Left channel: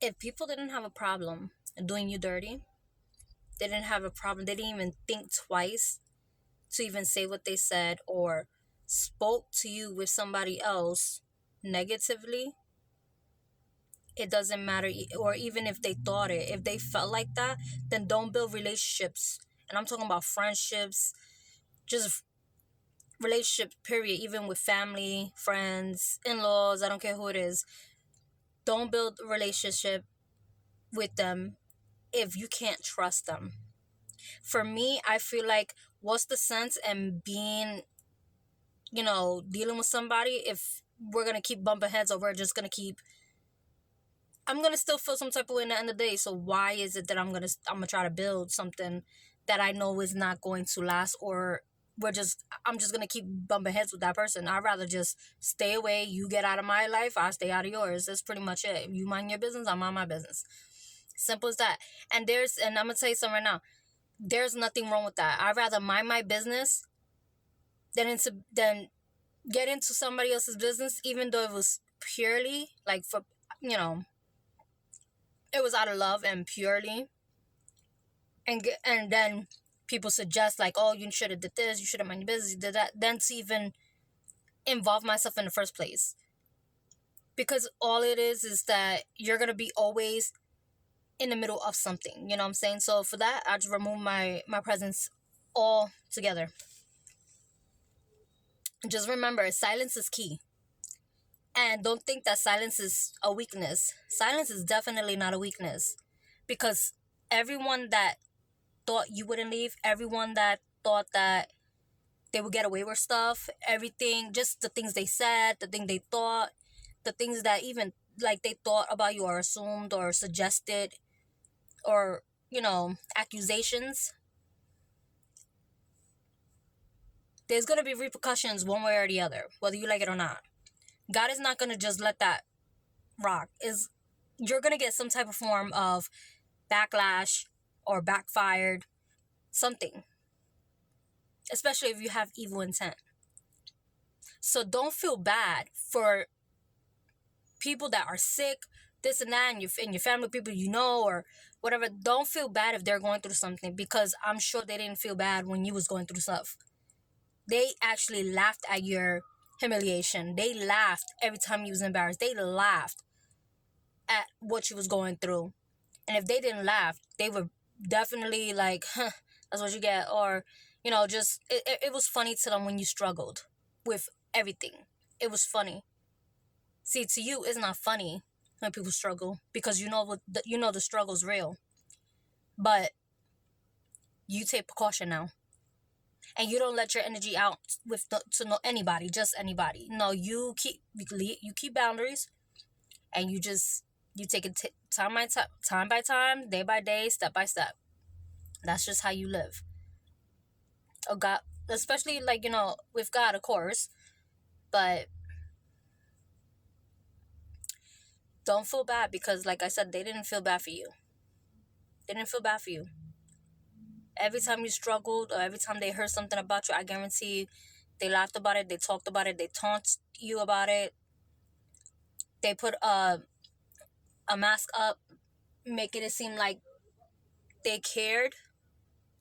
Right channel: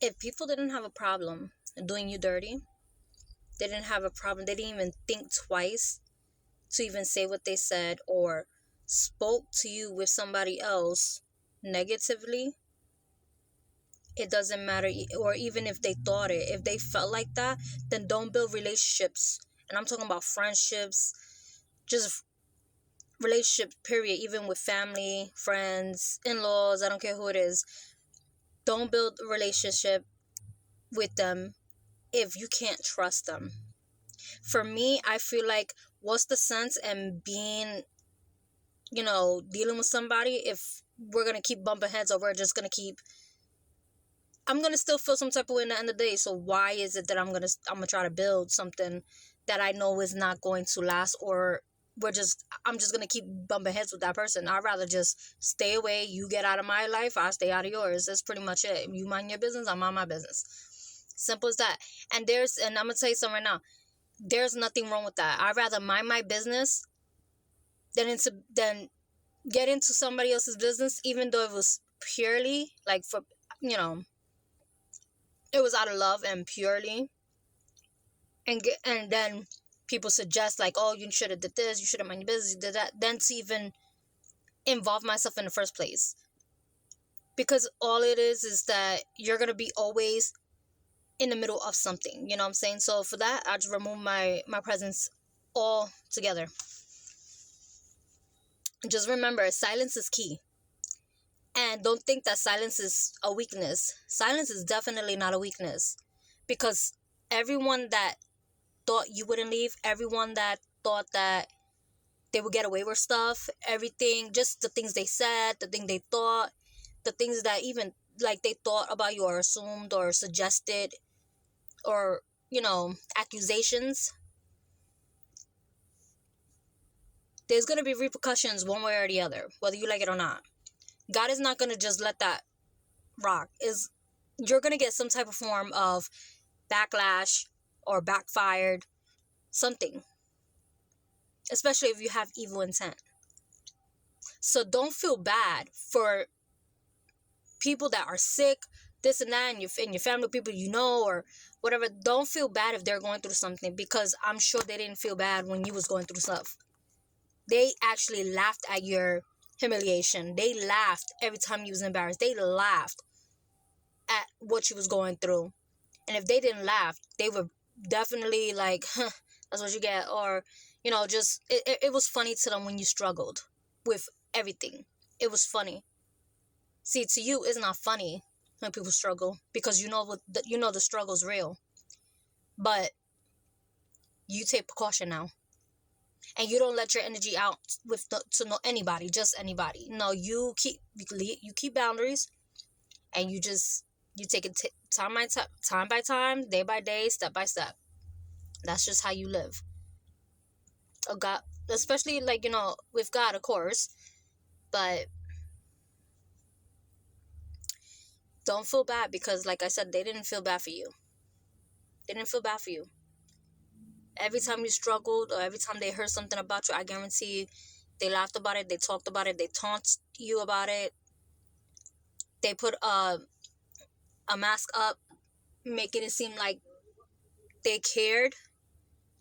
If people didn't have a problem doing you dirty, they didn't have a problem, they didn't even think twice to even say what they said or spoke to you with somebody else negatively, it doesn't matter. Or even if they thought it, if they felt like that, then don't build relationships. And I'm talking about friendships, just relationships, period. Even with family, friends, in-laws, I don't care who it is. Don't build a relationship with them if you can't trust them. For me, I feel like, what's the sense in being, dealing with somebody if we're gonna keep bumping heads, or we're just gonna keep, I'm gonna still feel some type of way in the end of the day. So why is it that I'm gonna try to build something that I know is not going to last, or I'm just gonna keep bumping heads with that person? I'd rather just stay away. You get out of my life, I'll stay out of yours. That's pretty much it. You mind your business, I mind my business. Simple as that. And I'm gonna tell you something right now. There's nothing wrong with that. I'd rather mind my business than get into somebody else's business, even though it was purely like for, you know it was out of love and purely, and then people suggest like, oh, you should have did this, you should have mind your business, you did that, then to even involve myself in the first place. Because all it is that you're gonna be always in the middle of something, you know what I'm saying? So for that, I just remove my presence all together. Just remember, silence is key. And don't think that silence is a weakness. Silence is definitely not a weakness. Because everyone that thought you wouldn't leave, everyone that thought that they would get away with stuff, everything, just the things they said, the thing they thought, the things that even like they thought about you or assumed or suggested, or, accusations, there's going to be repercussions one way or the other, whether you like it or not. God is not going to just let that rock. You're going to get some type of form of backlash or backfired something, especially if you have evil intent. So don't feel bad for people that are sick, this and that, and your family, people or whatever. Don't feel bad if they're going through something, because I'm sure they didn't feel bad when you was going through stuff. They actually laughed at your humiliation. They laughed every time you was embarrassed. They laughed at what you was going through. And if they didn't laugh, they were definitely like, huh, that's what you get. Or, just, it was funny to them when you struggled with everything. It was funny. See, to you, it's not funny when people struggle, because the struggle's real. But you take precaution now, and you don't let your energy out to know anybody, just anybody. No, you keep boundaries, and you take it time by time, day by day, step by step. That's just how you live. Oh God, especially like with God, of course, but don't feel bad, because like I said, they didn't feel bad for you. They didn't feel bad for you. Every time you struggled, or every time they heard something about you, I guarantee you, they laughed about it, they talked about it, they taunted you about it. They put a mask up, making it seem like they cared.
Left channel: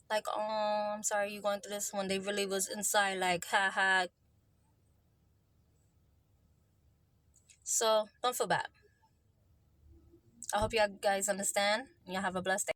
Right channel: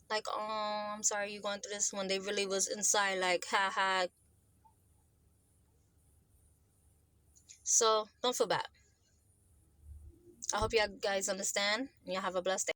Like, oh, I'm sorry you going through this, when they really was inside like, ha ha. So don't feel bad. I hope you guys understand, and you have a blessed day.